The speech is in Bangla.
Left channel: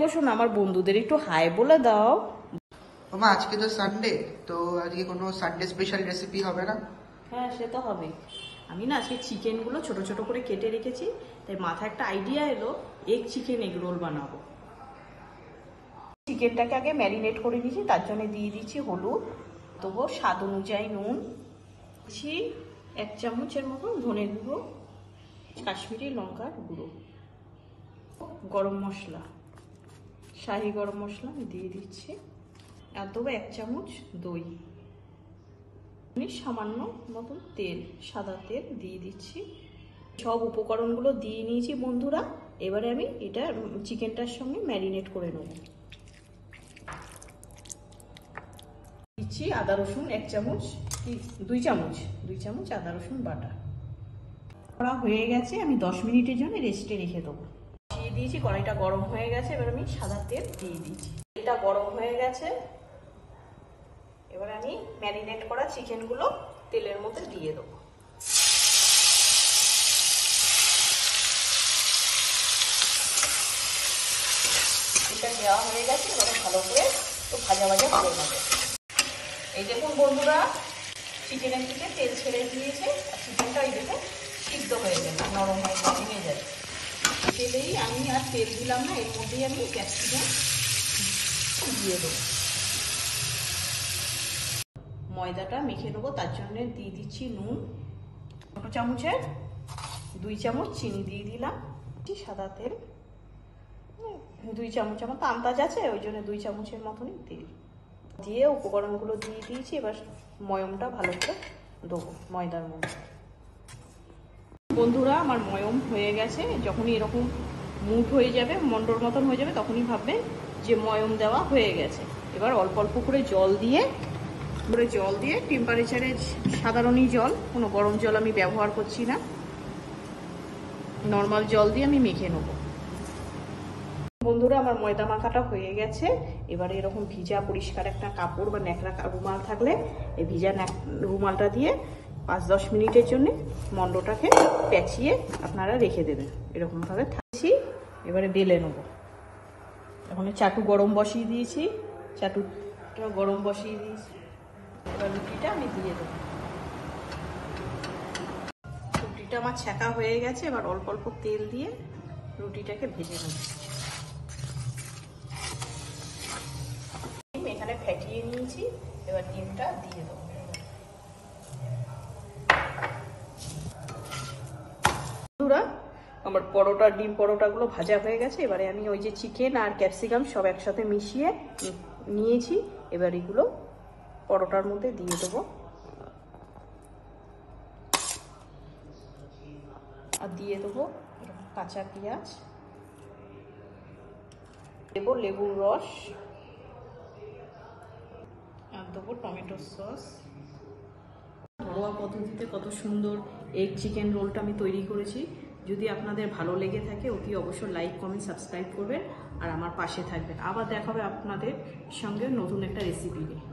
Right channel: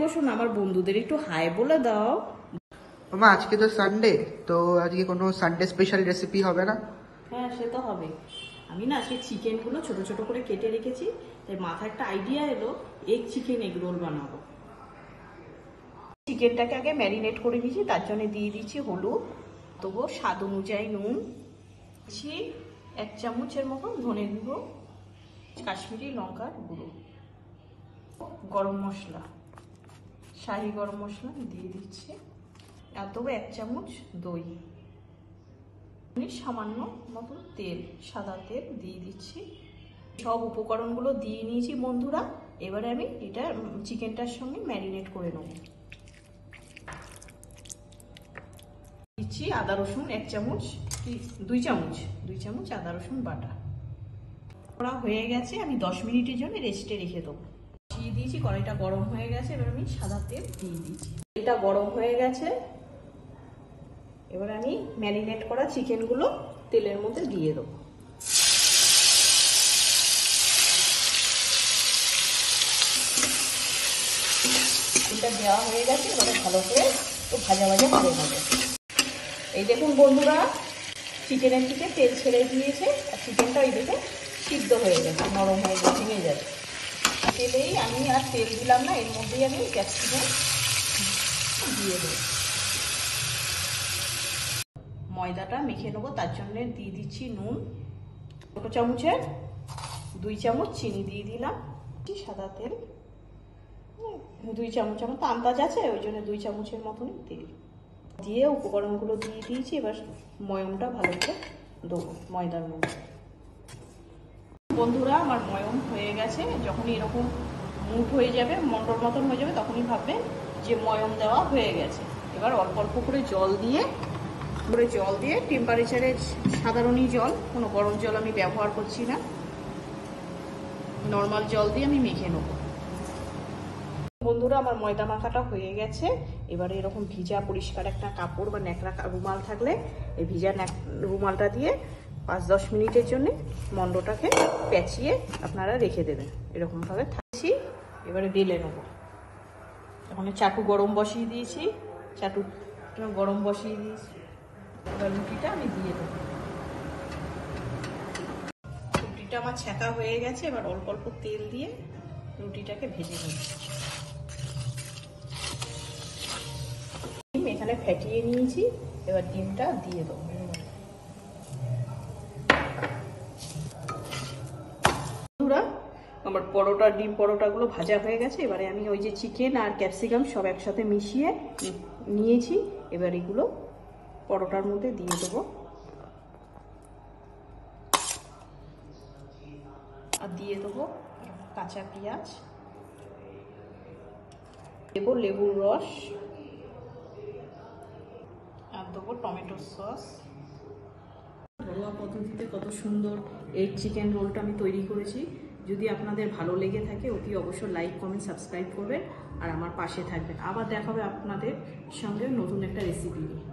গো শোনো, আমার বন্ধুদের একটু হাই বলে দাও। মামা আজকে তো সানডে, তো আজকে কোনো সানডে স্পেশাল রেসিপি হবে না? হ্যাঁ, সে তো হবে। আমি না আজকে চিকেনগুলো ছোট ছোট করে কেটে রেখেছি, তাই মাথায় একটা আইডিয়া এলো, এগ রোল বানাবো। চিকেনটাকে আগে ম্যারিনেট করে নিয়েছি, তার জন্য দিয়ে দিচ্ছি হলুদ, তবু স্বাদ অনুযায়ী নুন, দিচ্ছি 1 চামচের মতো ধনে গুঁড়ো, কাশ্মীরি লঙ্কার গুঁড়ো, গরম মশলা, শাহি গরম মশলা দিয়ে দিচ্ছি, আর তবু 1 চামচ দই, সামান্য মতো তেল, সাদা তেল দিয়ে দিচ্ছি। সব উপকরণগুলো দিয়ে নিয়েছি বন্ধুরা। এবারে আমি এটা চিকেনটার সঙ্গে ম্যারিনেট করে নেব। দিচ্ছি আদা রসুন 1 চামচ, কি 2 চামচ আদা রসুন বাটা। করা হয়ে গেছে, আমি 10 মিনিটের জন্য রেস্টে রেখে দেবো। দিয়ে দিয়েছি, কড়াইটা গরম হয়ে গেছে, এবার আমি সাদা তেল দিয়ে দিচ্ছি। এটা গরম হয়ে গেছে, এবার আমি ম্যারিনেট করা চিকেনগুলো তেলের মধ্যে দিয়ে দেবো। এটা দেওয়া হয়ে গেছে, এবারে ভালো করে ভাজা করে দেবো। এই দেখুন বন্ধুরা, চিকেনের থেকে তেল ছেড়ে দিয়েছে, আর চিকেনটা এই দেখে সিদ্ধ হয়ে গেছে, নরম হয়ে গেছে, নিয়ে যাবে। তেলেই আমি আর তেল দিলাম না, এর মধ্যেই আমি ক্যাপসিকাম দিয়ে দেবো। ময়দাটা মেখে নেবো, তার জন্য দিয়ে দিচ্ছি নুন, ছোট চামচের 2 চামচ চিনি দিয়ে দিলাম, সাদা তেল 2 চামচের মতো আন্দাজ আছে, ওই জন্য 2 চামচের মতন তেল দিয়ে উপকরণগুলো দিয়ে দিয়েছি। এবার ময়মটা ভালো করে দেবো ময়দার মধ্যে। বন্ধুরা, আমার ময়ম হয়ে গেছে। যখনই এরকম মুঠ হয়ে যাবে, মন্ডর মতন হয়ে যাবে, তখনই ভাববে যে ময়ম দেওয়া হয়ে গেছে। এবার অল্প অল্প করে জল দিয়ে টেম্পারেচারে সাধারণই জল, কোনো গরম জল আমি ব্যবহার করছি না, নর্মাল জল দিয়ে আমি মেখে নেব। বন্ধুরা, আমার ময়দা মাখাটা হয়ে গেছে। এবারে এরকম ভিজা পরিষ্কার একটা কাপড় বা ন্যাকড়া রুমাল থাকলে এই ভিজা রুমালটা দিয়ে 5-10 মিনিটের জন্য মন্ডটাকে পেঁচিয়ে আপনারা রেখে দেবেন। এরকম ভাবে থাকছি। এবারে বেলে নেব। এখন চাটু গরম বসিয়ে দিয়েছি, চাটুটা গরম বসিয়ে দিয়েছি। এবার রুটিটা আমি দিয়ে দেবো। রুটিটা আমার ছ্যাঁকা হয়ে গেছে, এবার অল্প অল্প তেল দিয়ে রুটিটাকে ভেজে নেব। এখানে ফেটিয়ে নিয়েছি, এবার ডিমটা দিয়ে দেবো। আমার ডিম পরোটাগুলো ভাজা হয়ে গেছে। এবারে আমি ওই যে চিকেন আর ক্যাপসিকাম সব একসাথে মিশিয়ে নিয়েছি, এবার এগুলো পরোটার মধ্যে দিয়ে দেবো। আর দিয়ে দেবো কাঁচা পেঁয়াজ, দেবো লেবুর রস, আর দেবো টমেটো সস। ঘরোয়া পদ্ধতিতে কত সুন্দর এগ চিকেন রোলটা আমি তৈরি করেছি। যদি আপনাদের ভালো লেগে থাকে, অতি অবশ্যই লাইক, কমেন্ট, সাবস্ক্রাইব করবেন আর আমার পাশে থাকবেন। আবার দেখা হবে আপনাদের সঙ্গে নতুন একটা রেসিপি নিয়ে।